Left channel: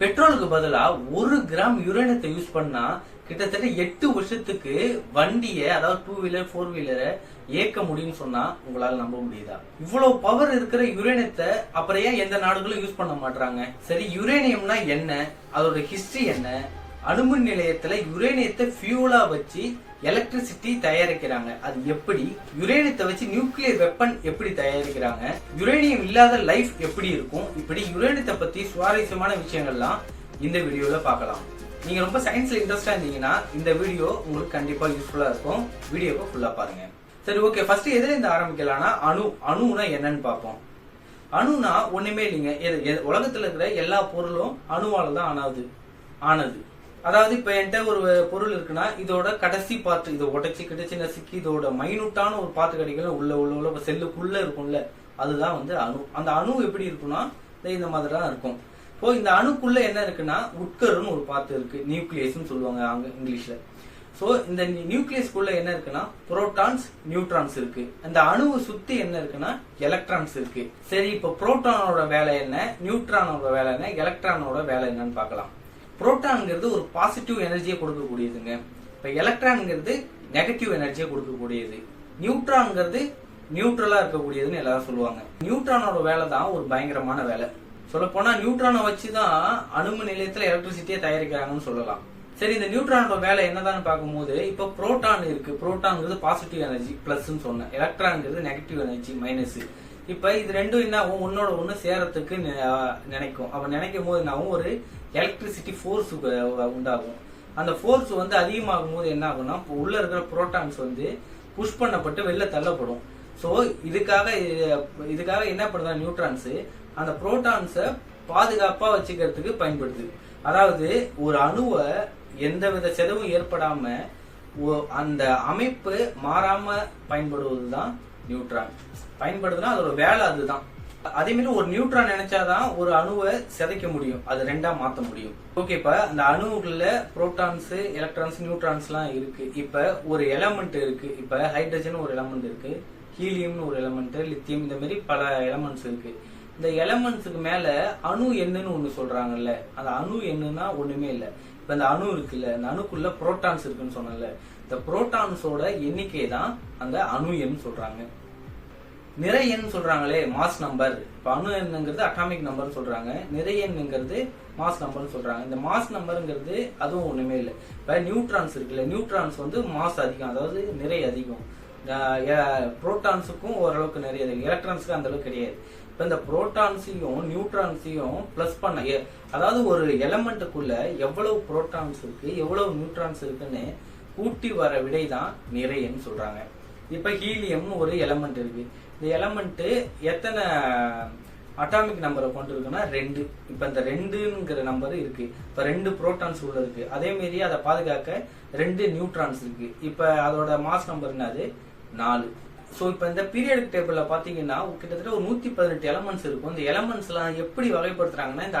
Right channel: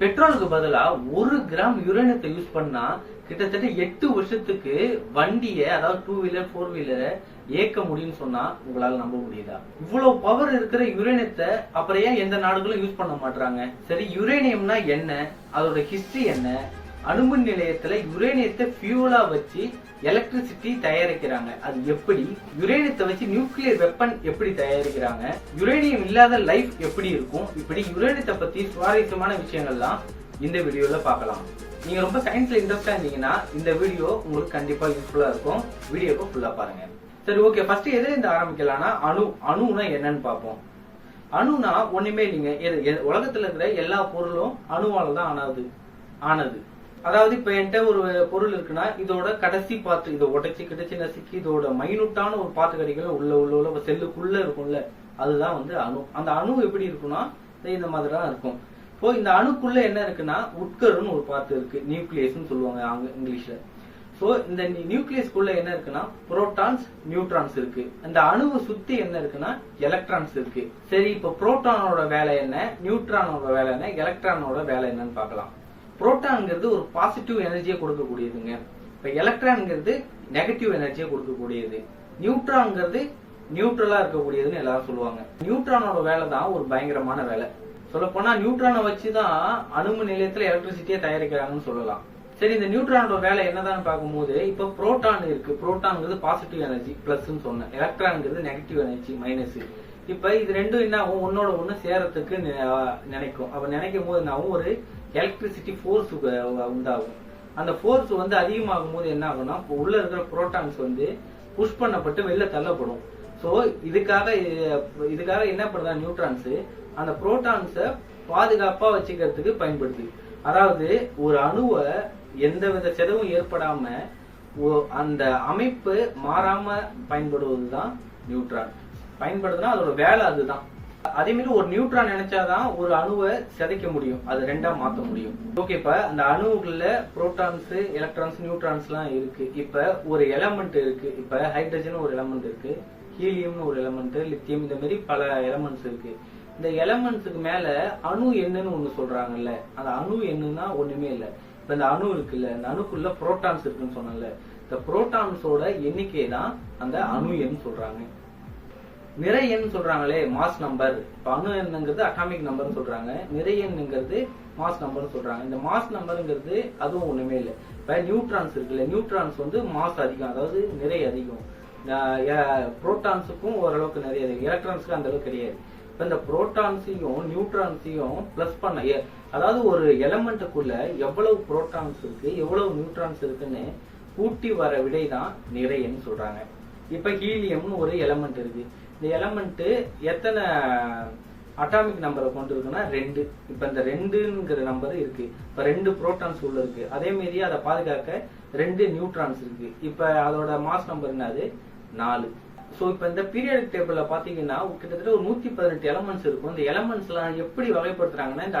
பெட்ரோலுக்கு பதிலா 1 gram யுரேனியத்தை use பண்ணா கிட்டத்தட்ட 8 வருஷத்துக்கு வண்டியை, அதாவது 2 வீலர் 4 வீலரை இயக்க முடியும்னு சொன்னா உங்களால நம்ப முடியுதா? இவ்வளவு பவர் இருக்கிற யுரேனியத்தை அப்புறம் ஏன் எந்த நாடுகளும் யூஸ் பண்ண மாட்டாங்க? சரி, யுரேனியம்னா என்ன, அதோட ஹிஸ்டரி என்ன? அணுமின் நிலையத்துல யுரேனியத்தை ஃபியூலா வச்சு எலக்ட்ரிசிட்டி தயாரிக்கிறாங்க. அது எப்படி? யுரேனியத்தை வச்சு நியூக்ளியர் வெப்பன் எப்படி தயாரிக்கிறாங்க? யுரேனியம் இல்லாத லைஃப் எப்படி இருக்கும்? இப்படி யுரேனியத்தை பத்தி சுவாரஸ்யமான விஷயங்கள்லாம் இந்த வீடியோல பார்க்கலாம். நீங்க ரொம்ப சயின்ஸ்ல இன்ட்ரெஸ்டா இருந்தீங்கன்னா இந்த வீடியோ உங்களுக்கு கண்டிப்பா யூஸ்ஃபுல்லா இருக்கும். வீடியோவை ஃபுல்லா பாருங்க. சரி, ஓகே. ஃபர்ஸ்ட் எதுல இருந்து ஆரம்பிக்கலாம்னா அணுனா என்னன்னு பார்ப்போம். அணுனா ஒண்ணுமே இல்லைங்க. உலகத்துல இருக்கிற எல்லா பொருளும் அணுவால தான் ஆனது. அதாவது இப்ப என்கிட்ட ஒரு பொருள் இருக்குன்னா இதோட கடைசி பார்ட், இதை உடைச்சு கிடைச்சு நசுக்கி இதோட மைனூட்டான ஒரு பார்ட் கிடைக்கல உள்ள செல்லுக்குள்ள இருக்கும்ல, அதுதான் அணு. அந்த அணு எப்படி இருக்குன்னா இந்த மாதிரி தான் இருக்கும். இப்போ இந்த அணுக்குள்ள என்ன இருக்குன்னா உட்கருன்னு ஒரு பார்ட் இருக்கு, நியூக்ளியஸ் சொல்லுவாங்க இங்கிலீஷ்ல. சோ இந்த நியூக்ளியஸ்குள்ள என்ன இருக்குன்னா புரோட்டான்ஸ், நியூட்ரான்ஸ் இருக்கு. அந்த அணுவை சுத்தி என்ன இருக்குன்னா எலக்ட்ரான்ஸ் இருக்கு. சரி, இப்ப புரோட்டானோட வேலை என்ன, நியூட்ரானோட வேலை என்ன, எலக்ட்ரானோட வேலை என்னன்னு பார்க்கலாம். புரோட்டான்ங்கிறது ஒரு பாசிட்டிவ் எனர்ஜியை கொடுக்கக்கூடியதுங்க. இப்ப எலக்ட்ரான்ங்கிறது நெகட்டிவ் எனர்ஜியை கொடுக்கக்கூடியது. நியூட்ரான்ங்கிறது நியூட்ரலா இருக்கக்கூடியதுன்னு எல்லாரும் சொல்லுவாங்க. நியூட்ரானோட வேலை தான் ஒரு பயங்கரமான வேலை. சொல்ல போனா நியூட்ரானை வச்சுதான் அணுமின் நிலையத்துல எலக்ட்ரிசிட்டியை தயாரிக்கிறாங்கன்னு சொல்லலாம். சரி, இந்த நியூட்ரானோட வேலை என்னதான் பார்க்கும்போது இப்ப புரோட்டான் இருக்கு. புரோட்டான்ங்கிறது பாசிட்டிவ் எனர்ஜி பிளஸ் சொன்னேன், எலக்ட்ரான்ங்கிறது நெகட்டிவ் எனர்ஜி மைனஸ். இப்ப இது ரெண்டும் என்ன ஆகும், ஒன்னோட ஒண்ணு சேரத்துக்கு நினைக்கும். அப்ப நினைக்கும் போது என்ன ஆகும், ஒரு எலக்ட்ரிசிட்டி ஃபோர்ஸ் உண்டாகும். அந்த ஃபோர்ஸ் அதிகமாகும் போது என்ன ஆகும்னா உள்ள இருக்கிற புரோட்டான்ஸ் புஷ் பண்ணப்பட்டு வெளில தள்ளப்படும். சோ இதுக்காக என்ன பண்ணுறா நியூட்ரான்ஸ் அந்த புரோட்டான்ஸை பாதுகாப்பா வச்சுக்கிறதுக்கு பயன்படுது. அதாவது ஒரு அணுவை எந்தவித செலவும் ஏற்படாம அந்த அமைப்பு மாறாம பயன்படுவதுதான் நியூட்ரான். பயன்படுதுன்னா அதோட வேலை அதுதான். அதே மாதிரி ஒரு நியூட்ரான் நினைச்சாதான் ஒரு அணுவை சிதைக்க முடியும், அது ரெண்டா மாத்த முடியும். ஓகே, இப்ப அந்த அணுவுக்குள்ள புரோட்டான்ஸ், எலக்ட்ரான்ஸ், நியூட்ரான்ஸ் எல்லாம் இருக்கு. இப்ப ஒரு எலமெண்ட் இருக்கு. இப்ப ஹைட்ரஜன் ஒரு எலமெண்ட் இருக்கு, ஹீலியம்னு ஒரு எலமெண்ட், லித்தியம், இந்த மாதிரி பல எலமெண்ட்ஸ் இருக்கு. இந்த எலமெண்ட்ஸுக்கு மேல அணு எண்ணுன்னு ஒண்ணு சொல்றாங்கல்ல, அந்த அணு எண்ணுன்னா ஒண்ணுமே இல்ல. இப்ப இந்த அணு இருக்குல்ல, இந்த அணுக்குள்ள புரோட்டான்ஸ் இருக்குன்னு சொன்னல, இந்த புரோட்டான்ஸோட எண்ணிக்கை தான் அந்த அணு எண் சொல்றாங்க. நிறை எண் சொல்றாங்களே, மாஸ் நம்பர். இப்ப அணு எண்ணுங்கிறது அட்டாமிக் நம்பர் சொல்றாங்க, நிறை எண்ணுங்கிறது மாஸ் நம்பர் சொல்றாங்க. இந்த மாஸ் நம்பருங்கிறது அதுவும் ஒண்ணுமே இல்லை. இப்ப நியூட்ரான்ஸ் இருக்குல்ல, நியூட்ரான்ஸ் மாஸ் அதிகம், அதாவது நிறை அதிகம். புரோட்டான்ஸுக்கும் ஓரளவுக்கு நிறைய அதிகம், எலக்ட்ரான்ஸுக்கு அந்த அளவுக்கு கிடையாது. இப்ப இந்த புரோட்டான்ஸையும் நியூட்ரான்ஸையும் பிளஸ் பண்ண, அதாவது ஒரு எலமெண்ட்டுக்குள்ள எவ்வளவு புரோட்டான்ஸ் இருக்கு எவ்வளவு நியூட்ரான்ஸ் இருக்குன்னு கூட்டி வர விடை தான் நிறைன்னு சொல்றாங்க. இப்ப ஹீலியம்னு ஒரு எலமெண்ட் இருக்கு. இந்த எலமெண்ட் எத்தனை அட்டாமிக் நம்பரை கொண்டு இருக்குன்னா 2. இப்ப இந்த 2ங்கிற நம்பர் இருக்கு. இப்ப 2 புரோட்டான்ஸ் உள்ள இருக்கு. அதே மாதிரி அதை பாதுகாக்க 2 நியூட்ரான்ஸ் இருக்கு. இப்ப அதோட மாஸ் நம்பர் என்னது 4. சோ இப்ப இந்த பீரியாடிக் டேபிள்ல பாத்தீங்கன்னா கிட்டத்தட்ட ஒரு 118 எலமெண்ட்ஸ் இருக்கும். இந்த எலமெண்ட்ஸ் எல்லாம் எப்படி வகைப்படுத்துறாங்கன்னா இந்த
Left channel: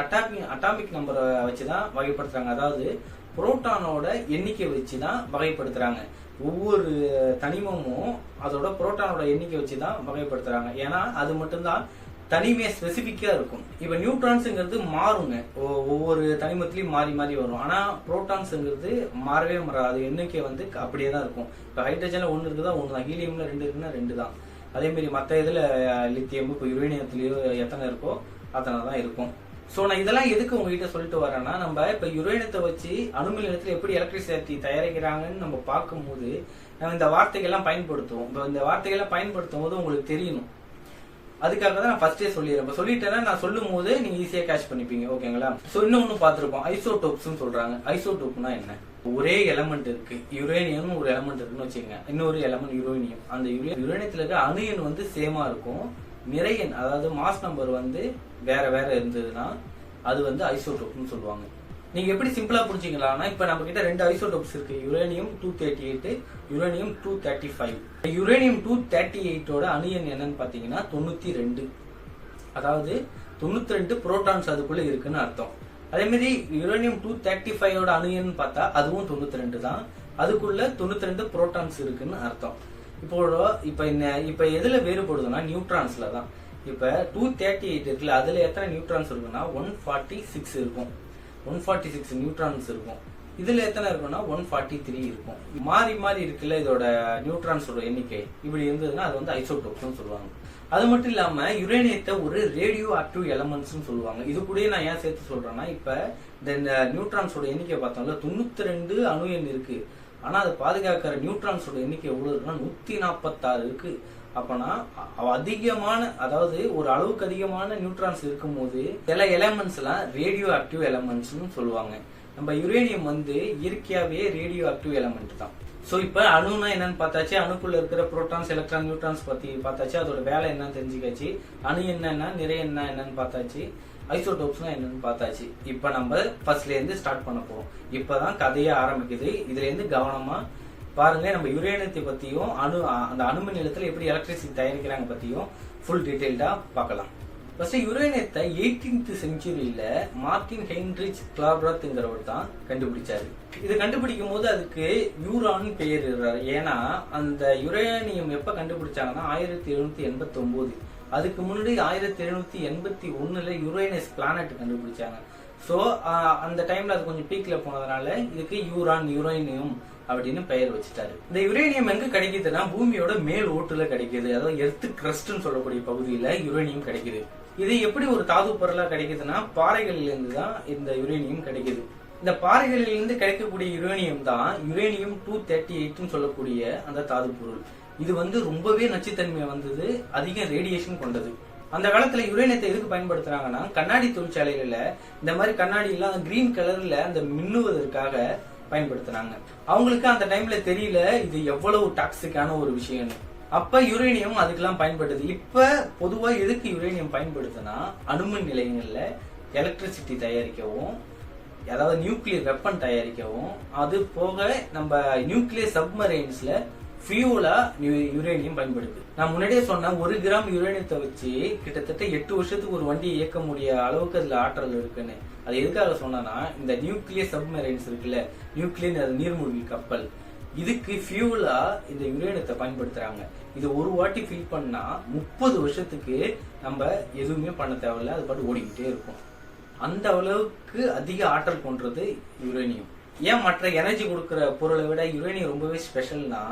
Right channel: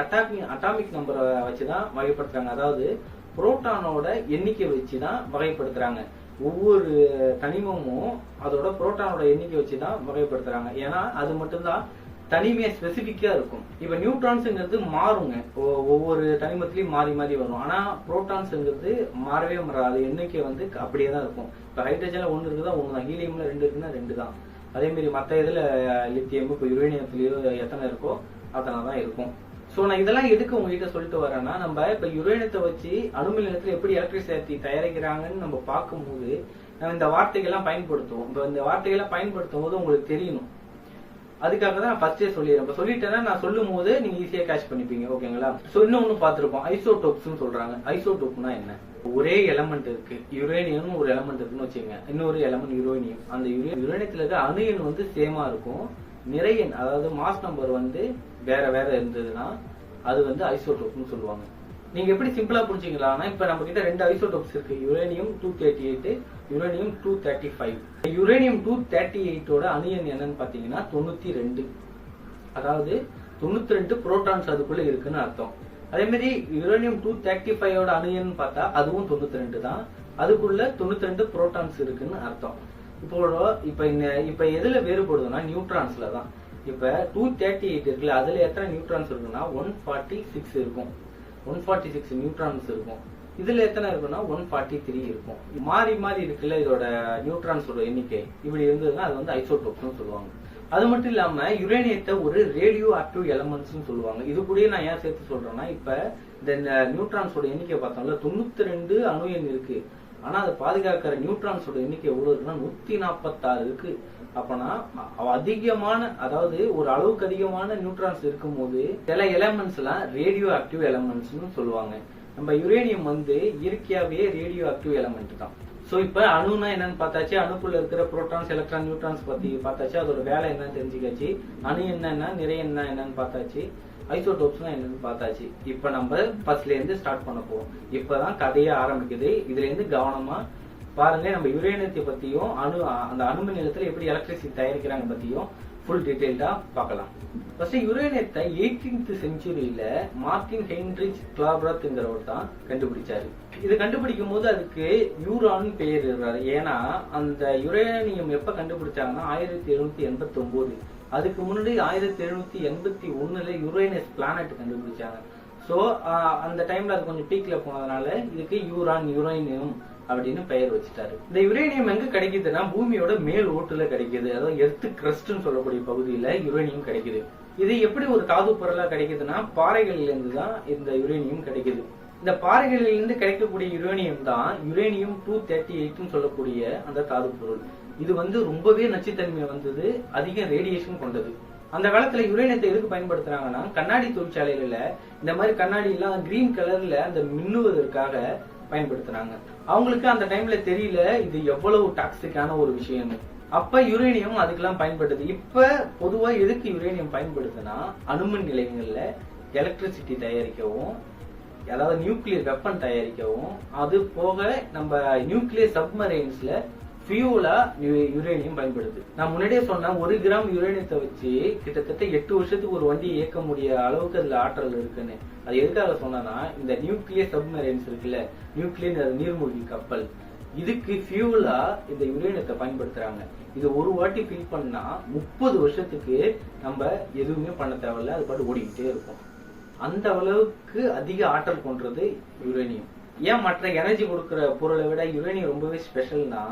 அட்டாமிக் நம்பரை வச்சுதான் வகைப்படுத்துறாங்க. அதாவது புரோட்டானோட எண்ணிக்கை வச்சுதான் வகைப்படுத்துறாங்க. ஒவ்வொரு தனிமமும் அதோட புரோட்டானோட எண்ணிக்கை வச்சுதான் வகைப்படுத்துறாங்க. ஏன்னா அது மட்டும்தான் தனிமையா ஸ்பெசிபிக்கா இருக்கும். இப்ப நியூட்ரான்ஸ்ங்கிறது மாறுங்க, ஒவ்வொரு தனிமத்திலயும் மாறி மாறி வரும். ஆனா புரோட்டான்ஸ்ங்கிறது மாறவே மாறாது, அது எண்ணிக்கை அப்படியே தான் இருக்கும். இப்ப ஹைட்ரஜன்ல 1 இருக்குதா 1 தான், ஹீலியம்ல 2 இருக்குன்னா 2 தான். அதே மாதிரி மத்த இதுல லித்தியம், இப்ப யுரேனியத்திலயோ எத்தனை இருக்கோ அத்தனை தான் இருக்கும். சோ நான் இதெல்லாம் எதுக்கு உங்ககிட்ட சொல்லிட்டு வரேன்னா, நம்ம இப்ப யுரேனியத்தை வச்சு அணுமின் நிலையத்துல எப்படி எலக்ட்ரிசிட்டி தயாரிக்கிறாங்கன்னு நம்ம பார்க்கும்போது நம்ம இந்த வார்த்தைகள்லாம் பயன்படுத்துவோம். இப்ப இந்த வார்த்தைகள்லாம் பயன்படுத்தும் போது உங்களுக்கு தெரியணும். அதுக்காக தான் நான் ஃபர்ஸ்டே சொல்லிடுறேன். இப்ப சொல்லிட்டேன்னா நான் சொல்லும் போது நீங்க ஈஸியா கேட்ச் பண்ணிப்பீங்க. ஓகேங்களா? சோ இன்னொன்னு பார்த்திருப்போம், ஐசோடோப்ஸ் சொல்றாங்க. ஐசோடோப்னா என்ன? ஒரே எலமெண்ட் இருக்கு, யுரேனியம் ஒரு எலமெண்ட் இருக்குன்னு வச்சுக்கோங்க, இன்னொரு எலமெண்ட் யுரேனியம். அந்த யுரேனியத்துல இருக்க அணு எண் சேமா இருக்கும், நிறை எண் அதாவது மாஸ் நம்பர் வேற வேற இருந்ததுன்னா அது ஐசோடோப்னு சொல்லுவாங்க. நீங்க எப்படி சிம்பிளா புரிஞ்சுக்கலாம்னா, இப்ப நம்ம கிட்ட 2 ஐசோடோப்ஸ் இருக்கு, யுரேனியம் 238, யுரேனியம் 235. யுரேனியம் 238ஓட அணு எண் என்னன்னு பாத்தீங்கன்னா 92. அதாவது 92 புரோட்டான்ஸ் அதுக்குள்ள இருக்குன்னு அர்த்தம். அதே மாதிரி யுரேனியம் 235ஓட அணு எண் பார்த்தா அதுவும் 92 தான், அதுக்குள்ள 92 புரோட்டான்ஸ் இருக்குன்னு அர்த்தம். இப்ப எதுல வேறுபடுதுன்னா நியூட்ரான்ஸ்ல தான். இப்ப 238 இருக்குல்ல, அதுல எத்தனை நியூட்ரான்ஸ் இருக்குன்னா 146 இருக்கும். 146 நியூட்ரான்ஸ் இருக்கும். இதுல எத்தனை இருக்குன்னா 143 இருக்கும். மாறி மாறி இருக்குல்ல இதோட நியூட்ரான்ஸோட எண்ணிக்கை, இப்படி இருந்ததுன்னா அது வந்து ஐசோடோப்ஸ்னு சொல்லுவாங்க. அது மட்டும் இல்லாம யுரேனியத்தை ஒரு ரேடியோ ஆக்டிவ் எலமெண்ட்ஸ் சொல்லுவாங்க. இது கூட நான் ஏன் சேர்த்து சொல்றேன்னா, இப்ப இந்த நியூட்ரான்ஸோட எண்ணிக்கை பார்த்தோம்ல 92 அணு எண் இருக்கு. ஆனா அதை பாதுகாக்கிற நியூட்ரான்ஸோட எண்ணிக்கை எவ்வளவு இருக்குன்னா 146 இருக்கு. அப்பனா அதிகமான, அதாவது ஒரு அளவுக்கு அதிகமான நியூட்ரான்ஸ் இருக்கும் போது சில எலமெண்ட்ஸ் எல்லாம் ரேடியோ ஆக்டிவ் எலமெண்ட்ஸ் சொல்லுவாங்க. நம்ம யுரேனியம் வந்து இயற்கையாவே ரேடியோ ஆக்டிவ் எலமெண்ட் தான். சோ இப்ப அணுனா என்னன்னு பார்த்தாச்சு, அணுக்குள்ள இருக்கிற புரோட்டான்ஸ் எலக்ட்ரான் நியூட்ரான்ஸ் பத்தி பார்த்தாச்சு, அதோட வேலை என்னன்னு தெரிஞ்சுக்காச்சு, அணு என்னன்னா நிறைய என்னன்னு பார்த்தாச்சு, ஐசோடோப்ஸ்னா என்னன்னு பார்த்தாச்சு. இப்ப நம்ம ஃபர்ஸ்ட்ல இருந்து ஸ்டார்ட் பண்ண போறோம். இப்பதான் கதையே ஆரம்பிக்குது. இதுல இருந்து கவனமா பாருங்க. நம்ம யுரேனியத்தை பத்தியும் அந்த அணுமின் நிலையத்துல எப்படி எலக்ட்ரிசிட்டி தயாரிக்கிறாங்க பத்தியும் ஃபுல் டீடைல்டா பார்க்கலாம். ஃபர்ஸ்ட் யுரேனியத்தை 18th செஞ்சுரியில மார்டின் ஹென்ரிச் கிளாப்ராத்ங்கிறவர் தான் கண்டுபிடிச்சாரு. இது கண்டுபிடிக்கும் போது அதுக்கு யூரான் பெயர் இருறாரு. ஏன்னா அந்த யுரேனியம் எப்ப கண்டுபிடிச்சாங்கன்னா 1789. அதுக்கு முன்னாடி 1781ல யுரேனஸ் பிளானட் கண்டுபிடிச்சாங்க. சோ அந்த டைம்ல அது கொஞ்சம் பீக்ல போனதுனால இதுக்கு யுரேனியம் அப்படின்னு பெயர் வச்சுட்டாரு. இந்த யுரேனியம் எங்க கிடைக்குதுன்னா பூமியோட மேல் ஓட்டுல கிடைக்குது. அதாவது எர்த் கிரஸ்ட்னு சொல்லக்கூடிய பகுதியில யுரேனியம் கிடைக்குது. இது எப்படி ஒரு தாது பொருளா கிடைக்குதுன்னா பாறைகளில இருந்து தான் இந்த யுரேனியம் கிடைக்குது. இந்த பாறைகளில இருந்து கிடைக்கக்கூடிய யுரேனியம் தான் யுரேனியம் 238 சொல்லக்கூடிய அந்த தாது பொருள். இது வந்து ரொம்பவே நச்சுத்தன்மை வந்தது, அதிக ரேடியேஷன் கொண்டது. அந்த காலத்துல யுரேனியத்தை எதுக்கு பயன்படுத்துறாங்கன்னா, கண்ணாடி தொழிற்சாலைகள்ல இந்த மாதிரி கண்ணாடி எல்லாம் கிரீன் கலர்ல அந்த மின்னுவதற்காக பயன்படுத்தினாங்க. அவங்களுக்கு அந்த டைம்ல தெரியல இது எவ்வளவு டாக்ஸிக்கான ஒரு விஷயம்னு. அப்ப யுரேனியம் அதுக்கெல்லாம் பயன்படுது. இப்ப பொதுவா எதுக்கு யுரேனியம் பயன்படுத்துனா, அணுமின் நிலையங்கள்ல எலக்ட்ரிசிட்டி தயாரிக்கவும், அதாவது நியூக்ளியர் வெப்பன் தயாரிக்கவும், அது போக நம்ம நியூக்ளியர் சப்மரைன்ஸ்ல ஃபியூலா யுரேனியம் பயன்படுது. நான் முன்னாடியே சொன்ன 1 கிராம் யுரேனியத்தை வச்சு கிட்டத்தட்ட 8 வருஷத்துக்கு ஒரு வண்டி இயக்க முடிய அளவுக்கு அதுல ஆற்றல் இருக்குன்னு. அது எதுக்காக சொன்னா, இந்த நியூக்ளியர் சப்மரைன்ஸ் இருக்குல்ல, நியூக்ளியர் நீர்மூழ்கி கப்பல், இதுக்கு ஃபியூலா இந்த யுரேனியத்தை பயன்படுத்துறாங்க. இது ஒரு வாட்டி ஃபில் பண்ணா 30 வருஷத்துக்கு நம்ம எதுவுமே பண்ண தேவையில்ல, அது பாட்டு ஓடிக்கிட்டே இருக்கும். அந்த அளவுக்கு அதிக ஆற்றல் கொண்டது யுரேனியம். ஏன் மற்ற எனர்ஜி கொடுக்கிற பொருளை விட யுரேனியம் ரொம்பவே ஸ்பெஷல்னா,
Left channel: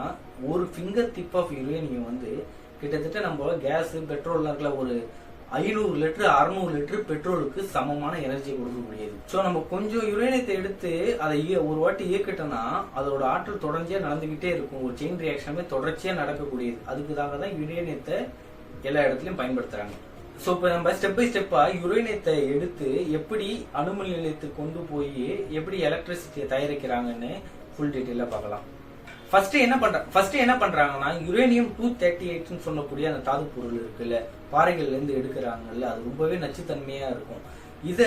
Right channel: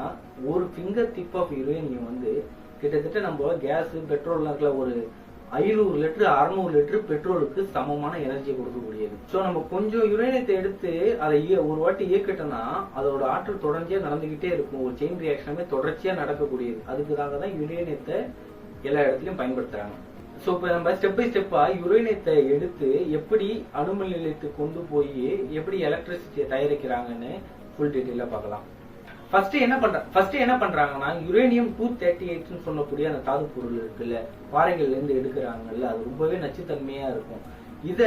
ஒரு ஃபிங்கர் டிப் ஆஃப் யுரேனியம் வந்து கிட்டத்தட்ட நம்ம கேஸ் பெட்ரோல்லாம் இருக்கல, ஒரு 500 லிட்டர் 600 லிட்டர் பெட்ரோலுக்கு சமமான எனர்ஜி கொடுக்கக்கூடியது. ஸோ நம்ம கொஞ்சம் யுரேனியத்தை எடுத்து அதை ஒரு வாட்டி இயக்கிட்டோம்னா அதோட ஆற்றல் தொடர்ச்சியா நடந்துகிட்டே இருக்கும். ஒரு செயின் ரியாக்ஷனே தொடர்ச்சியா நடக்கக்கூடியது. அதுக்காக தான் யுரேனியத்தை எல்லா இடத்துலயும் பயன்படுத்துறாங்க. ஸோ இப்போ நம்ம ஸ்டெப் பை ஸ்டெப்பா யுரேனியத்தை எடுத்து எப்படி அணுமின் நிலையத்துக்கு கொண்டு போய் எப்படி எலக்ட்ரிசிட்டியை தயாரிக்கிறாங்கன்னு ஃபுல் டீட்டெயிலா பார்க்கலாம். ஃபர்ஸ்ட் என்ன பண்றாங்கன்னா, யுரேனியம் 238 சொல்லக்கூடிய அந்த தாது பொருள் இருக்குல்ல, பாறைகள்ல இருந்து எடுக்கிறாங்கல்ல, அது ரொம்பவே நச்சுத்தன்மையா இருக்கும். இத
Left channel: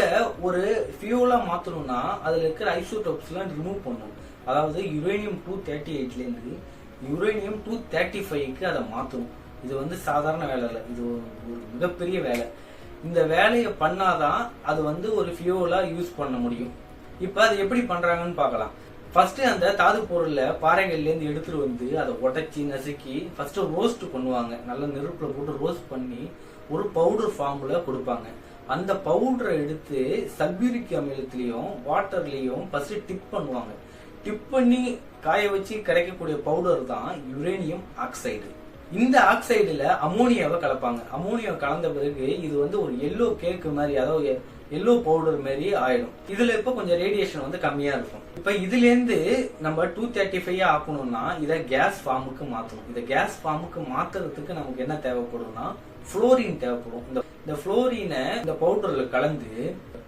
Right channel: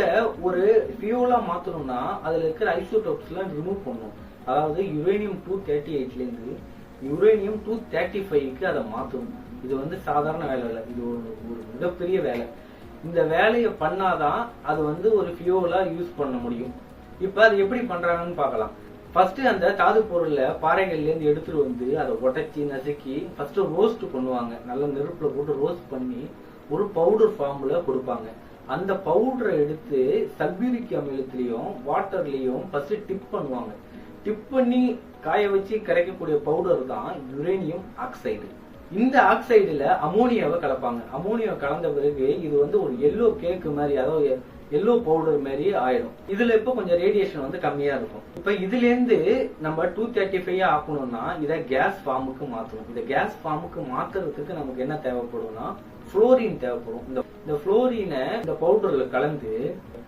ஒரு ஃபியூலா மாத்தணும்னா அதுல இருக்கிற ஐசோடோப்ஸ் எல்லாம் ரிமூவ் பண்ணும். அதாவது யுரேனியம் 238ல இருந்து யுரேனியம் 235க்கு அதை மாத்தணும். இது வந்து சாதாரண வேலை இல்லை, இது ஒரு மிகப்பெரிய வேலை. இந்த வேலையை பண்ணாதான் அது வந்து ஒரு ஃபியூலா யூஸ் பண்ண முடியும். இப்ப அது எப்படி பண்றாங்கன்னு பார்க்கலாம். ஃபர்ஸ்ட் அந்த தாது பொருள்ல பாறைகள்ல இருந்து எடுத்துட்டு வந்து அதை உடைச்சி நசுக்கி ஃபர்ஸ்ட் ரோஸ்ட் பண்ணுவாங்க. நல்ல நெருப்புல போட்டு ரோஸ்ட் பண்ணி ஒரு பவுடர் ஃபார்ம்ல கொடுப்பாங்க. அந்த பவுடரை எடுத்து சல்பியூரிக் அமிலத்திலையும் வாட்டர்லயும் ஃபர்ஸ்ட் டிப் பண்ணுவாங்க. டிப் பண்ணி காய வச்சு கிடைக்கக்கூடிய பவுடர் தான் யுரேனியம் ஆக்சைடு. இந்த ஆக்சைடுல அமோனியாவை கலப்பாங்க. அமோனியா கலந்த பிறகு இது வந்து ஒரு எல்லோ கேக்கு மாதிரி, அதாவது எல்லோ பவுடர் மாதிரி ஆயிடும். இதுல இப்ப கொஞ்சம் ரேடியேஷன் வந்து கம்மியா இருக்கும். இப்ப இதுல இருந்து நம்ம 235 ஆக்கணும்னா இதை கேஸ் ஃபார்முக்கு மாத்தணும். இந்த கேஸ் ஃபார்முக்கு மாத்துறதுக்கு நமக்கு என்ன தேவைப்படும்னா புளோரின் தேவைப்படும். இந்த புளோரினை இந்த பவுடர்ல கலந்து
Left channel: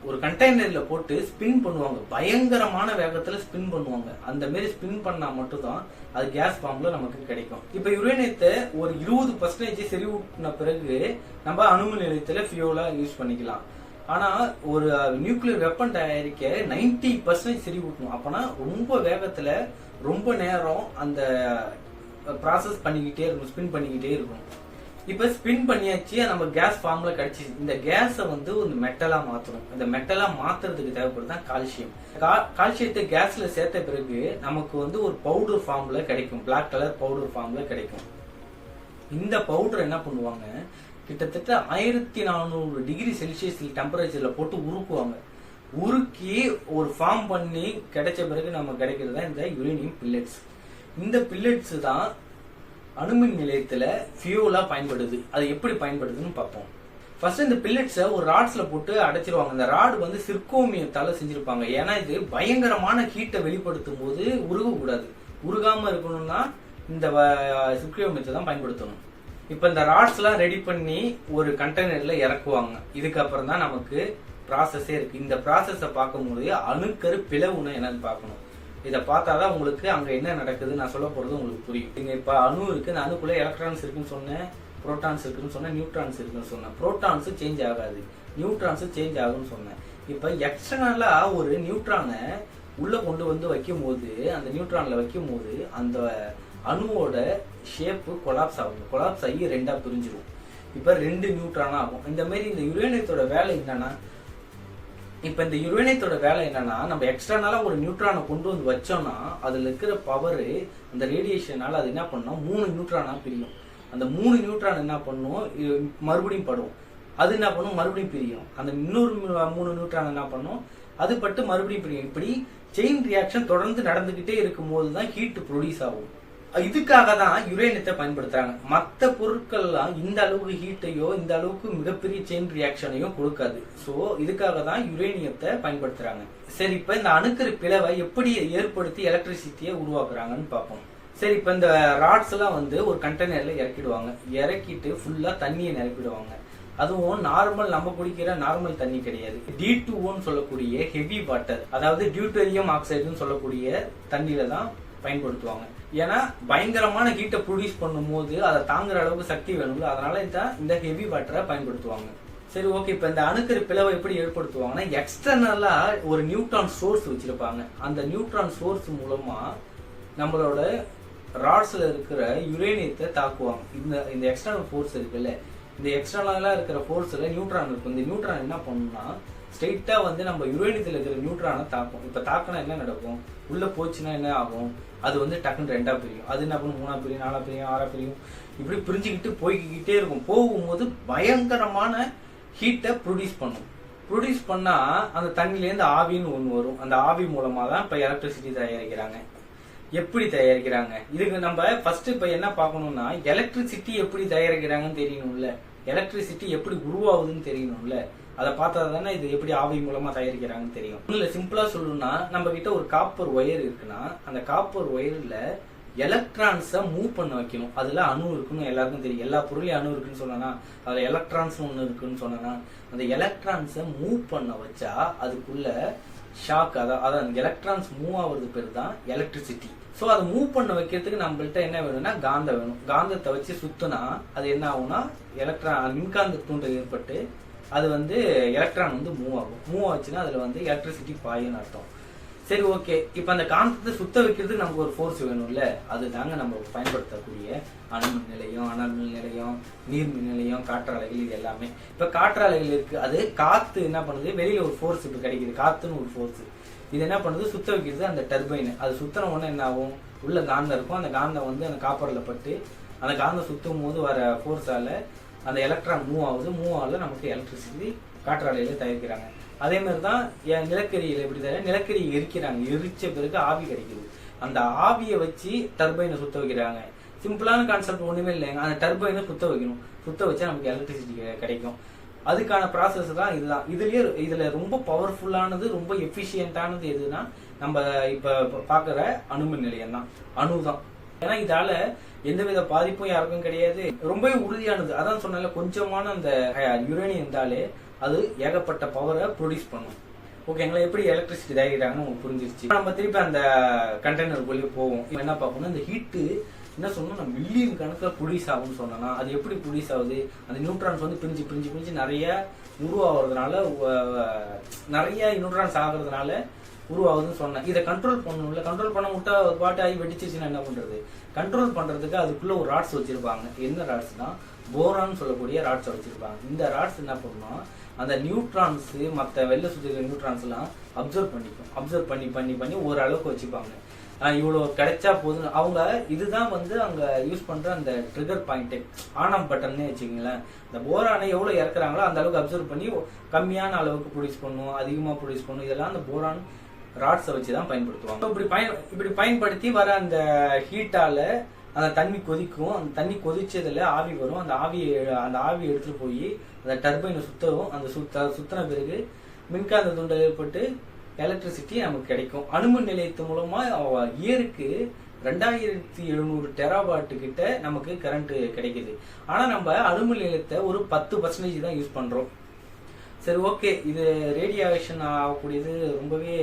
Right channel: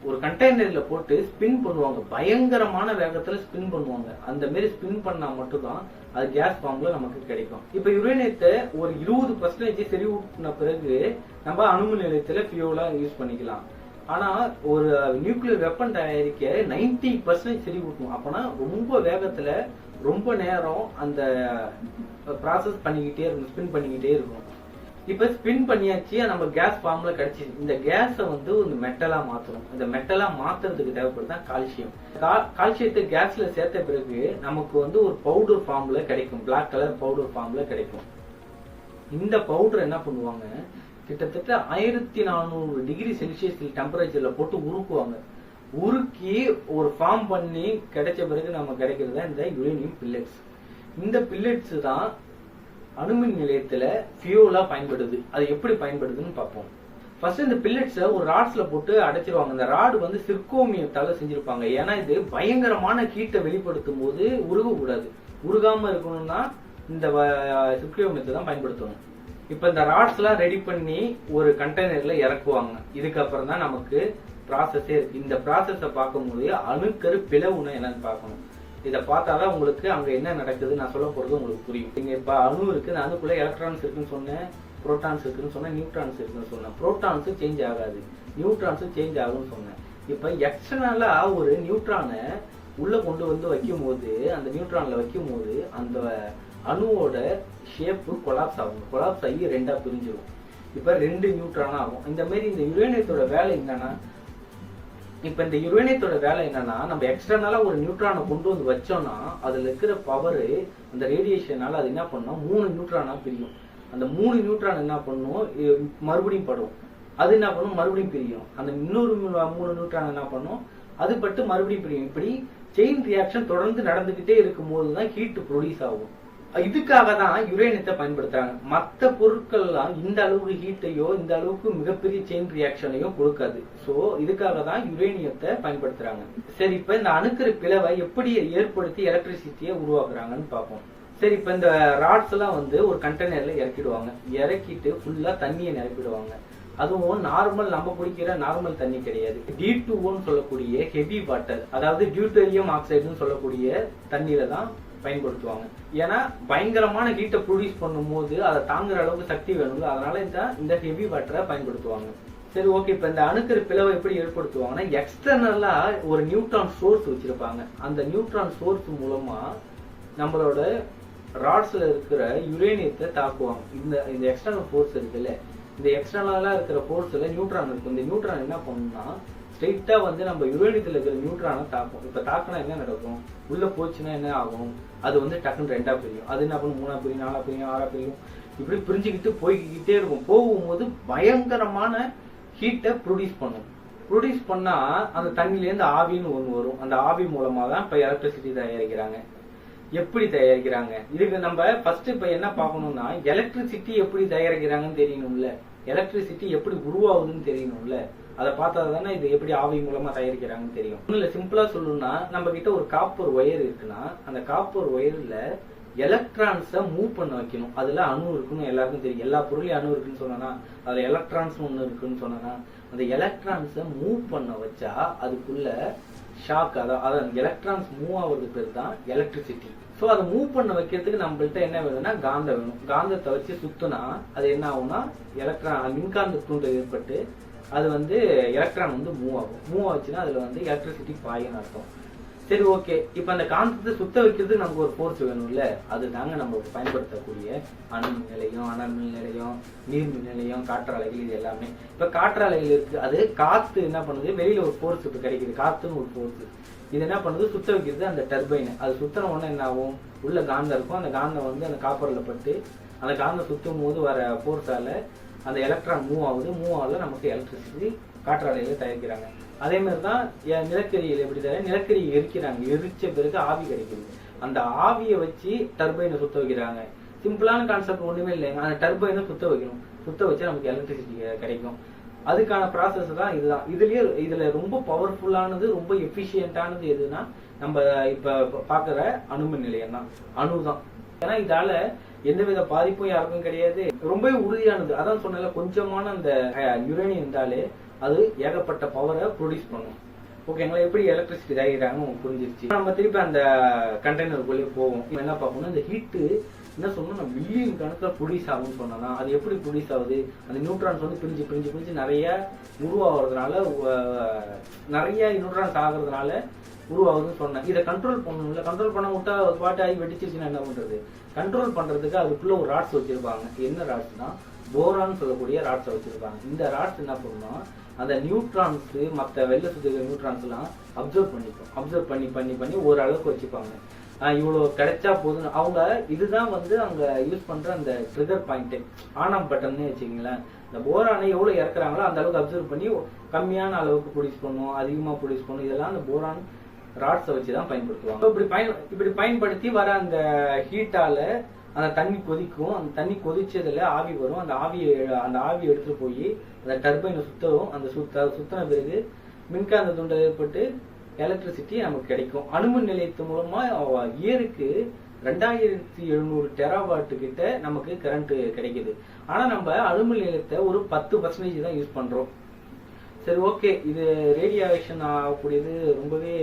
ஒரு கண்டெய்னர்ல போட்டு ஸ்பின் பண்ணுவாங்க. பயங்கரமான வேகத்துல ஸ்பின் பண்ணுவாங்க. அந்த மாதிரி ஸ்பின் பண்ணா மட்டும்தான் அது கேஸ் ஃபார்ம்ல நமக்கு கிடைக்கும். இப்ப யுரேனியத்தை ஒரு 20% செறிவூட்டின பிறகு நம்ம அணுமின் நிலையத்துல ஃபியூலா யூஸ் பண்ணிக்கலாம். ஆனா ஒரு நியூக்ளியர் வெப்பன் தயாரிக்க 90% செறிவூட்டணும். அப்பனா ரொம்ப வேகத்துல ரொம்ப நேரம் அந்த ப்ராசஸ் பண்ணிக்கிட்டே இருக்கணும், ஸ்பின் பண்ணிக்கிட்டே இருக்கணும். இப்ப ஸ்பின் பண்ணியாச்சு, நம்ம கேஸ் ஃபார்ம்ல கிடைச்சி இந்த கேஸை வந்து ஒரு மெட்டலா மாத்தணும். இந்த மெட்டலா மாத்துறதுக்கு தேவைப்படுதான் கால்சியம். கால்சியத்தை கேஸ்ல சேர்த்த பிறகு நமக்கு வந்து ஒரு பவுடர் ஃபார்ம்ல கிடைக்கும், பிளாக் கலர் பவுடர் ஃபார்ம்ல கிடைக்கும். இந்த பவுடர் என்ன பண்ணுவாங்க, கிட்டத்தட்ட 1400 டிகிரி செல்சியஸ் டெம்பரேச்சர்ல போட்டு உருக்குவாங்க. உருக்கி ஒரு ஃபார்ம் பண்ணி கிடைச்ச பிறகு நம்ம கிடைக்கிறது தான் இந்த யுரேனியம் பில்லட்ஸ். இந்த பில்லட்ஸ் தான் அணுமின் நிலையத்துல ஃபியூலா பயன்படுது. அது எப்படி பயன்படுதுன்னு பார்ப்போம். ஃபர்ஸ்ட் இந்த பில்லட்ஸை ஒரு ராட்ஸ்ல போட்டு அடைச்சிருவாங்க. இந்த ராடு வந்து சிர்கோமியத்தால செஞ்சிருப்பாங்க. ஏன்னா இது பயங்கரமான ஹீட்டை வெளிப்படுத்தும் போது உருகக்கூடாது. உருகாம இருக்கணும்னா இந்த சிர்கோமியத்தை தான் பயன்படுத்தணும். இப்ப இந்த ராட்ஸ் எல்லாம் ரெடி பண்ணி ஒரு கண்டெய்னர்ல இறக்குவாங்க. இதுக்கப்புறம் தான் நமக்கு ப்ராசஸே இருக்கு. இந்த ப்ராசஸை பார்க்கும்போது அணுக்கரு பிளவுன்னு என்னன்னு பார்க்கணும். இதை பார்த்தாதான் உங்களுக்கு அங்க என்ன நடக்குது நான் சொல்ல போறது உங்களுக்கு புரியும். நீங்க இப்ப அணு இருக்கு, இந்த அணுக்குள்ள எலக்ட்ரான்ஸ் இருக்குன்னு சொன்னேன், புரோட்டான்ஸ் இருக்குன்னு சொன்னேன், நியூட்ரான்ஸ் இருக்குன்னு சொன்னேன். புரோட்டான்ஸ் சேஞ்ச் ஆகாது, நியூட்ரான்ஸ் சேஞ்ச் ஆகும்னு சொன்னேன். இப்ப எக்ஸ்டர்னலா ஒரு நியூட்ரானை உள்ள கொண்டு வந்து வைக்கும் போது, அந்த நியூட்ரான்ல வைக்கும் போது அந்த அணுவோட ஷேப்பு கொலாப்ஸ் ஆகும். கொலாப்ஸ் ஆகி ரெண்டா பிரிஞ்சிடும். இப்ப 2 நியூட்ரானா ஆகும். இந்த மாதிரி இந்த யுரேனியத்தோட வேலை என்னன்னா, இப்ப இந்த யுரேனியத்தோட வேலை என்னன்னா, நம்ம எக்ஸ்டர்னலா ஒரு நியூட்ரானை கொண்டு வந்து வச்சோம்னா அதுல இருக்கிற பவர் அந்த ரேடியேஷனால அது என்ன பண்ணும், 3 நியூட்ரானா பிரியும். அந்த 3 நியூட்ரான் என்ன பண்ணும், மறுபடியும் படும். அது என்ன பண்ணும், மறுபடியும் பிரியும். அந்த இன்னொரு 3 நியூட்ரான் என்ன பண்ணும், அது பட்டு மறுபடியும் பிரியும். இப்படி செயின் ரியாக்ஷன் தொடர்ந்து நடந்துகிட்டே இருக்கும் போதுதான் ஹீட் ப்ரொடியூஸ் ஆகும். இதுக்காக தான் யுரேனியத்தை பயன்படுத்துறாங்க. மற்ற பொருட்கள்லாம் இந்த அளவுக்கு ஹீட்டையோ இந்த அளவுக்கு மிகப்பெரிய செயின் ரியாக்ஷனையோ கொடுக்காது. சோ இதுக்காக தான் யுரேனியத்தை பயன்படுத்துறாங்க. சரி, இப்ப இந்த அணுக்கரு பிளவை எப்படி ஏற்படுத்தி எலக்ட்ரிசிட்டியை உருவாக்குறாங்கன்னு பார்ப்போம். சரி, இப்ப இந்த ராட்ஸ் எல்லாம் வந்து ஒரு கண்டெய்னர்ல இறக்கிடுவாங்க. இறக்கிட்டு ஃபுல்லா தண்ணியை நிரப்பிடுவாங்க. அதுவும் நார்மல் நம்ம குடிக்கிற நார்மல் தண்ணி கிடையாது. D2O சொல்லக்கூடிய ஹெவி வாட்டர், அதாவது டியூட்டோரியம் ஆக்சைடுன்னு சொல்லக்கூடிய தண்ணியில தான் பயன்படுத்துவாங்க. ஏன்னா பயங்கரமான ஹீட்டை ப்ரொடியூஸ் பண்ணும் போது அதை தாங்குற அளவுக்கு சக்தி வேணும்ல, அதனால இந்த ஹெவி வாட்டரை பயன்படுத்துவாங்க. சரி, ஓகே. இப்ப இந்த அணுக்கரு பிளவை எப்படி ஏற்படுத்துவாங்கன்னா, எக்ஸ்டர்னலா ஒரு நியூட்ரான் சோர்ஸ் வச்சிருப்பாங்க. அந்த நியூட்ரான் சோர்ஸ் மூலமா நம்மளோட ராட்ஸ்ல இருக்கிற யுரேனியத்தை தாக்குவாங்க. இந்த எக்ஸ்டர்னல் ஃபோர்ஸ் இருக்குல்ல, இந்த எக்ஸ்டர்னலா இருக்கிற ஃபோர்ஸ்ல நியூட்ரான் இருக்கும். இந்த நியூட்ரான் என்ன பண்ணும்னா ஸ்ட்ரெயிட்டா வந்து நம்ம யுரேனியத்துல இருக்கிற நியூட்ரானை தாக்கும். இப்ப தாக்கினா என்ன நடக்கும், உள்ள போச்சுன்னா என்ன ஆகும், அது வந்து டக்குன்னு 2ஆ பிரியும். அது என்ன பண்ணும், 3ஆ பிரியும், 4ஆ பிரியும், 6ஆ பிரியும். இப்படி பிரிஞ்சுக்கிட்டு போய்கிட்டே இருக்கும். போகும்போது பயங்கரமான ஹீட்டை ப்ரொடியூஸ் பண்ணும். ப்ரொடியூஸ் பண்ணா அந்த தண்ணியிலேருந்து ஆவின்னு ஒன்று வரும். அந்த ஆவி மூலமா தான் இப்ப எலக்ட்ரிசிட்டி தயாரிக்கிறாங்க. எப்படி தயாரிக்கிறாங்க, இதுக்கு நம்ம ஃபர்ஸ்ட் இப்ப என்ன பார்க்கணும்னா, எலக்ட்ரிசிட்டி எப்படி தயாரிக்கிறாங்கன்னு தெரியணும்ல, எலக்ட்ரிசிட்டி எப்படி உருவாகுதுன்னு தெரியணும்ல. அதை பார்த்தா தானே இது எப்படி ஆவி மூலமா தயாரிக்கிறாங்கன்னு தெரியும். இல்ல சிம்பிளா சொல்லணும்னா, நம்ம கிட்ட ஒரு காப்பர் ஒயர் இருக்குன்னா அந்த காப்பர் ஒயர்ல எலக்ட்ரான்ஸை மூவ் பண்ண வைக்கணும். அதுல அணு இருக்குன்னு எல்லாருக்கும் தெரியும். எல்லா பொருளையும் அணு இருக்குன்னு சொன்னா அதுல எலக்ட்ரான்ஸ் ஒண்ணு இருக்குன்னு சொன்னா அந்த எலக்ட்ரான்ஸை மூவ் பண்ண வச்சா அதுக்குள்ள ஷாக், அதாவது அந்த எலக்ட்ரான்ஸ் மூவ் ஆகுறது பேர் தான் எலக்ட்ரிசிட்டி. ஸோ அதை மூவ் பண்ண வைக்கிறதுக்கு நம்மள்ட்ட என்ன வேணும்னா காந்தம் வேணும். காந்தத்தை வச்சு சுத்தினா அது என்ன ஆகும்னா மின்காந்த தூண்டல் ஏற்பட்டு அது வந்து எலக்ட்ரான் வந்து மூவ் ஆகும். மூவ் ஆச்சுன்னா அதுல வந்து எலக்ட்ரிசிட்டி பாயும்னு அர்த்தம். சரி, ஓகே. இப்ப அந்த காந்தத்தை சுத்த வைக்கிறதுக்கு நமக்கு ஒரு ஃபோர்ஸ் வேணும்ல, அதுதாங்க நம்ம பயன்படுத்தக்கூடிய அணுமின் நிலையம், அனல் மின் நிலையம், நீர்மின் நிலையம், காற்றாலைகள், இது எல்லாமே. இப்ப காற்றாலைகள் இருக்கு, அது காத்து என்ன பண்ணுது, வெளியில ஒரு ஃபோர்ஸ் இப்ப கிடைக்குது, காத்துன்னு ஒரு ஃபோர்ஸ். இது என்ன பண்ணுது, சுத்த வைக்கிறது அந்த டர்பைன். அது சுத்தன உடனே என்ன ஆகும், உள்ள காந்தம் இருக்கும். அந்த காந்தம் வந்து அந்த காப்பர்ல பட்டு அந்த காந்தம் சுத்தும் போது வர ஃபோர்ஸால அந்த எலக்ட்ரான் மூவ் ஆகுது. மூவ் ஆகுது, நமக்கு எலக்ட்ரிசிட்டி காற்றாலையில தயாரிக்கிறாங்க. அதே மாதிரிதான் நிலக்கரியில எப்படி தயார், நிலக்கரியை எரிக்கிறாங்க. எரிச்ச பிறகு ஆவி கிடைக்குது. அந்த ஆவியை வச்சு டர்பைனை சுத்த வைக்கிறாங்க. சிம்பிளான கான்செப்ட் ஒண்ணுமே இல்லைங்க. அந்த டர்பைனை சுத்த வைக்கணும். சுத்த வச்சா நமக்கு எலக்ட்ரிசிட்டி கிடைக்கும். அதுக்கான ப்ராசஸ் தான் இதுதான். இதுல ரொம்ப பவர்ஃபுல்லானது, ரொம்ப எஃபிஷியன்டானது எதுனா நம்ம இப்ப பாக்குற அணுமின் நிலையம் தான், அணுதான். ஏன்னா இதால எந்தவித பாதிப்பும் யாருக்கும் கிடையாது. ரொம்பவே உறுதியானது. அதான் சொன்னால கொஞ்சமான அந்த யுரேனியம் இருந்தாலே அது ஏகப்பட்ட பவரை ப்ரொடியூஸ் பண்ணும். ஓகேங்களா, எப்படி எலக்ட்ரிசிட்டி தயாரிக்கிறாங்கன்னு உங்களுக்கு புரிஞ்சிருச்சு. நம்ம திருப்பி அந்த கண்டெய்னருக்குள்ளேயே போவோம். என்ன பார்க்கணும், இந்த ஹீட்டு என்ன சொல்லணும், மில்லியன் கணக்கில் ப்ரொடியூஸ் ஆகும்னு சொன்னா அது எப்படி ப்ரொடியூஸ் ஆகுது, அந்த நியூட்ரான்ஸ் வந்து பிரிஞ்சு பிரிஞ்சு பிரிஞ்சு நிறைய உருவாகிறதுனால, நிறைய நியூட்ரான்ஸ் ஆகுறதுனால உருவாகுதுன்னு சொன்னேன். இதை கண்ட்ரோல் பண்ணணும்ல, கண்ட்ரோல் பண்ண விட்டா பாட்டு ஆகி வெடிச்சிச்சுன்னா என்ன பண்றது. கண்ட்ரோல் பண்றதுக்கு அதுக்குள்ள ஒரு ராட்ஸ் வச்சிருப்பாங்க. என்ன ராட்ஸ் தான், போரான்னு சொல்லக்கூடிய ராட்ஸை வச்சிருப்பாங்க. இந்த ராட்ஸ் என்ன பண்ணும், அந்த நியூட்ரான்ஸ் மற்ற வெளில சுத்திக்கிற நியூட்ரான்ஸ் எல்லாம் அப்சர்வ் பண்ணிக்கும். அப்சர்வ் பண்ணி பண்ணி பண்ணி ஒரு அளவுக்கு வச்சுப்பாங்க. இவ்வளோ கிடைச்சா போதும். அவங்க இதுதான் வந்து அங்க யூஸ் பண்ற அந்த ட்ரிகர் பாயிண்ட், ஆன் ஆஃப் பட்டன்னு வச்சுக்கீங்களேன். இந்த போரானை எவ்வளவு இறக்குறாங்களோ அந்த அளவுக்கு அப்சர்வ் பண்ணி கம்மியான அளவுக்கு ப்ரொடியூஸ் பண்ணும், அதிகமா ப்ரொடியூஸ் பண்ணும். இதெல்லாம் அந்த போரான் ராட்ஸை வச்சுதான் பயன்படுத்துவாங்க. இப்படி பயன்படுத்தி வர அந்த ஹீட்டால அந்த தண்ணி கொதிக்கும். அந்த தண்ணி கொதிச்சதுல ஆவி வரும். அந்த ஆவி எடுத்துட்டு போய் அந்த டர்பைனை சுத்தவும். அந்த சுத்தின பிறகு மின்காந்த தூண்டல் ஏற்பட்டு எலக்ட்ரிசிட்டி நமக்கு கிடைக்கும். அணுமின் நிலையத்து மூலமா இயருக்கு 2700 டெராவாட் கிட்ட நமக்கு கரண்ட் கிடைக்குது. ஆனா நம்ம அணுமின் நிலையத்தை ஒரு 10% தான் யூஸ் பண்றோம். சரி, ஓகே, இது ரேடியேஷன் ஆகக்கூடியது ரொம்பவே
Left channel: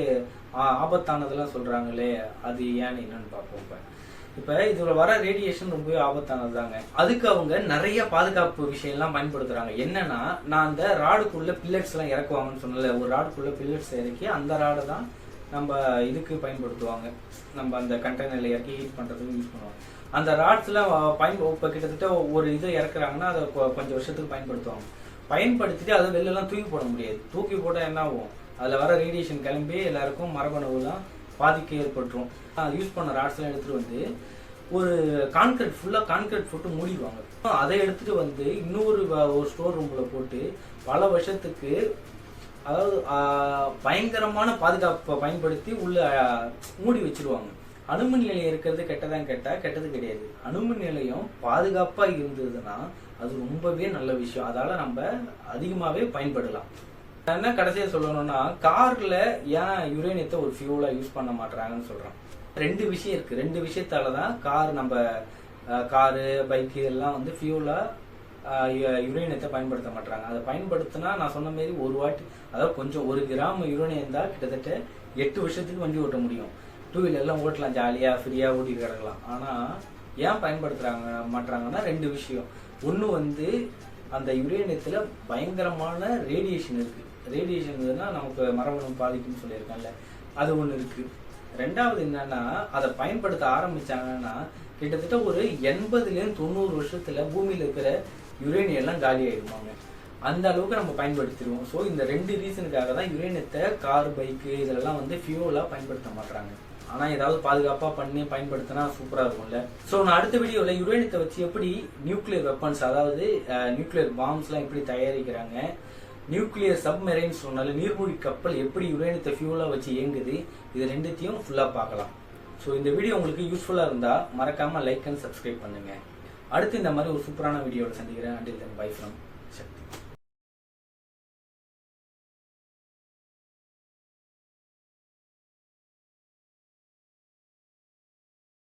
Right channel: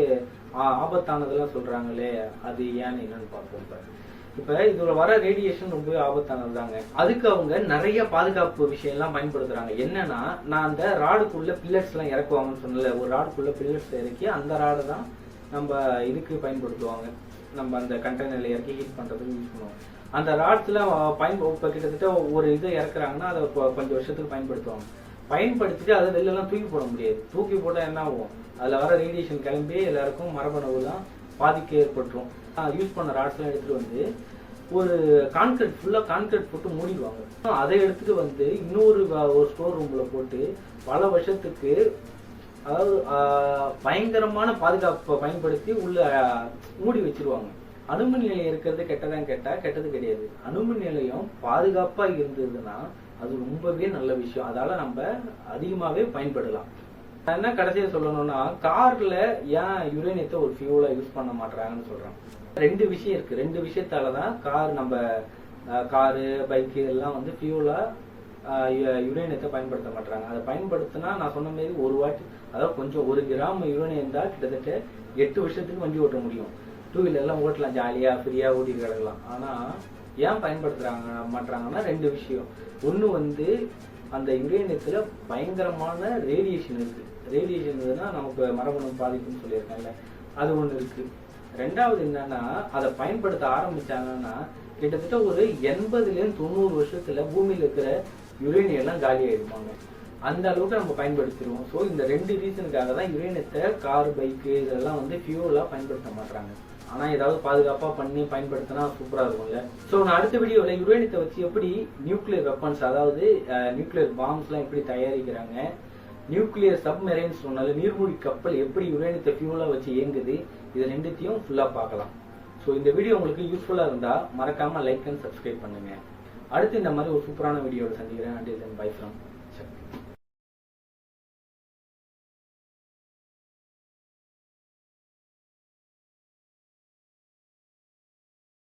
ஆபத்தானதெல்லாம் சொல்றாங்களே, அது ஏன்னு என்னன்னு பார்ப்போம். இப்ப இதுல வர ரேடியேஷன் ரொம்பவே ஆபத்தானது தாங்க. அதுக்கு அவங்க நிறைய பாதுகாப்பு விஷயம் எல்லாம் பயன்படுத்துறாங்க. என்னன்னா, நான் அந்த ராடுக்குள்ள பில்லட்ஸ் எல்லாம் இறக்குவாங்கன்னு சொன்னல, ஒரு ராடுக்குள்ள பில்லட்ஸ் இறக்கி அந்த ராடை தான் நம்ம இதுக்கு பயன்படுத்துவாங்க. நம்ம அந்த கண்டெய்னர்ல இறக்கி ஹீட் பண்றதுக்கு யூஸ் பண்ணுவோம். அந்த ராட்ஸ்ல இப்ப கிட்டத்தட்ட ஒரு இதை இறக்குறாங்கன்னா அதை கொஞ்சம் வருஷத்துக்கு பயன்படுத்துவாங்க. பயன்படுத்திட்டு அதை வெளில தூக்கி போட முடியாது. தூக்கி போட்டா என்ன ஆகும், அதுல வர ரேடியேஷன் கிளம்பி எல்லாருக்கும் மரபணுவு தான் பாதிக்க ஏற்பட்டுரும். யூஸ் பண்ண ராட்ஸ் எல்லாம் எடுத்துட்டு வந்து ஒரு ஃபுல்லா கான்கிரீட் போட்டு மூடிடுவாங்க. அதை எடுத்துட்டு வந்து இன்னொரு ஸ்டோர் ரூம்ல போட்டு பல வருஷத்துக்கு, அதாவது பயங்கரமான பாதுகாப்பை பயன்படுத்தி உள்ள மூடி வச்சிருவாங்க. அணுமின் நிலையம் இருக்கிறது கெட்டது கிடையாது. அணுமின் நிலையம் பாதுகாப்பா இருந்ததுன்னா அது ரொம்பவே நல்ல விஷயம். அதால நம்ம அதிகமாவே பயன்படலாம். என்ன கடைசியா சொல்லணும்னா, கார்ல ஏன் யுரேனியத்தை ஒரு ஃபியூலா யூஸ் பண்ண மாட்டாங்கன்னு சொல்றேன். 2 விஷயம் இருக்கு. 2 விஷயத்தாலதான் காரு பைக்கு எல்லாம் வந்து ஃபியூலா யுரேனியத்தை பயன்படுத்த மாட்டாங்க. அதை பயன்படுத்தினா நான் சொன்ன மாதிரி ஒரு வாட்டி, அதாவது கொஞ்சம் 1 கிராம் யுரேனியம் தான் கிட்டத்தட்ட 8 வருஷத்துக்கு வண்டி ஓட்ட முடியும். 2 வீலர் எல்லாம் ஓட்டலாம், ஜாலியா ஃப்ரீயா ஓட்டிட்டு கிடக்கலாம். ஆனா ஏன் மாட்டாங்கன்னா 2 விஷயம். ஒண்ணு வந்து அந்த யுரேனியத்துல பயங்கரமான ரேடியேஷன் இருக்கு. ரேடியேஷன் இருந்ததுன்னா நமக்கு மரபணு பாதிக்கும்னு சொல்லியிருக்காங்கல்ல, அது ஒண்ணு இருக்கு. 2வது என்னன்னா, அதை பயன்படுத்த ஆரம்பிச்சாங்கன்னா கிட்டத்தட்ட ஒரு 80-90 வருஷத்துல பூமியில இருக்கிற யுரேனியம் எல்லாம் காலி ஆயிடுவாங்க. அந்த அளவுக்கு நம்ம பயன்படுத்திடுவோம். ஸோ இந்த 2 ரீசனுக்காக தான் யுரேனியத்தை கார் பைக்கு இதெல்லாம் வந்து ஃபியூலா பயன்படுத்த மாட்டாங்க. ஆனா ஏதாவது பாதுகாப்பா பண்ணி பயன்படுத்தினா சூப்பரா இருக்கும்ல. ஸோ நான் அடுத்த வீடியோல யுரேனியத்தை வச்சு எப்படி நியூக்ளியர் வெப்பன்ஸ், அதாவது நியூக்ளியர் பாம்ஸ் எல்லாம் எப்படி தயாரிக்கிறாங்க, நியூக்ளியர் சப்மெரைன்ஸ் சொன்னால நீர்மூழ்கி கப்பல் எப்படி யுரேனியத்தை ஃபியூலா வச்சு இயங்குது, இது 2த்தையும் ஃபுல்லா பார்க்கலாம். ஸோ இந்த வீடியோ உங்களுக்கு யூஸ்ஃபுல்லா இருந்தா மறக்காம லைக் அண்ட் சப்ஸ்கிரைப் பண்ணுங்க. அடுத்து இந்த மாதிரி ஒரு சூப்பரான வீடியோட சந்திக்கிறேன். Until then, bye from Sakthi.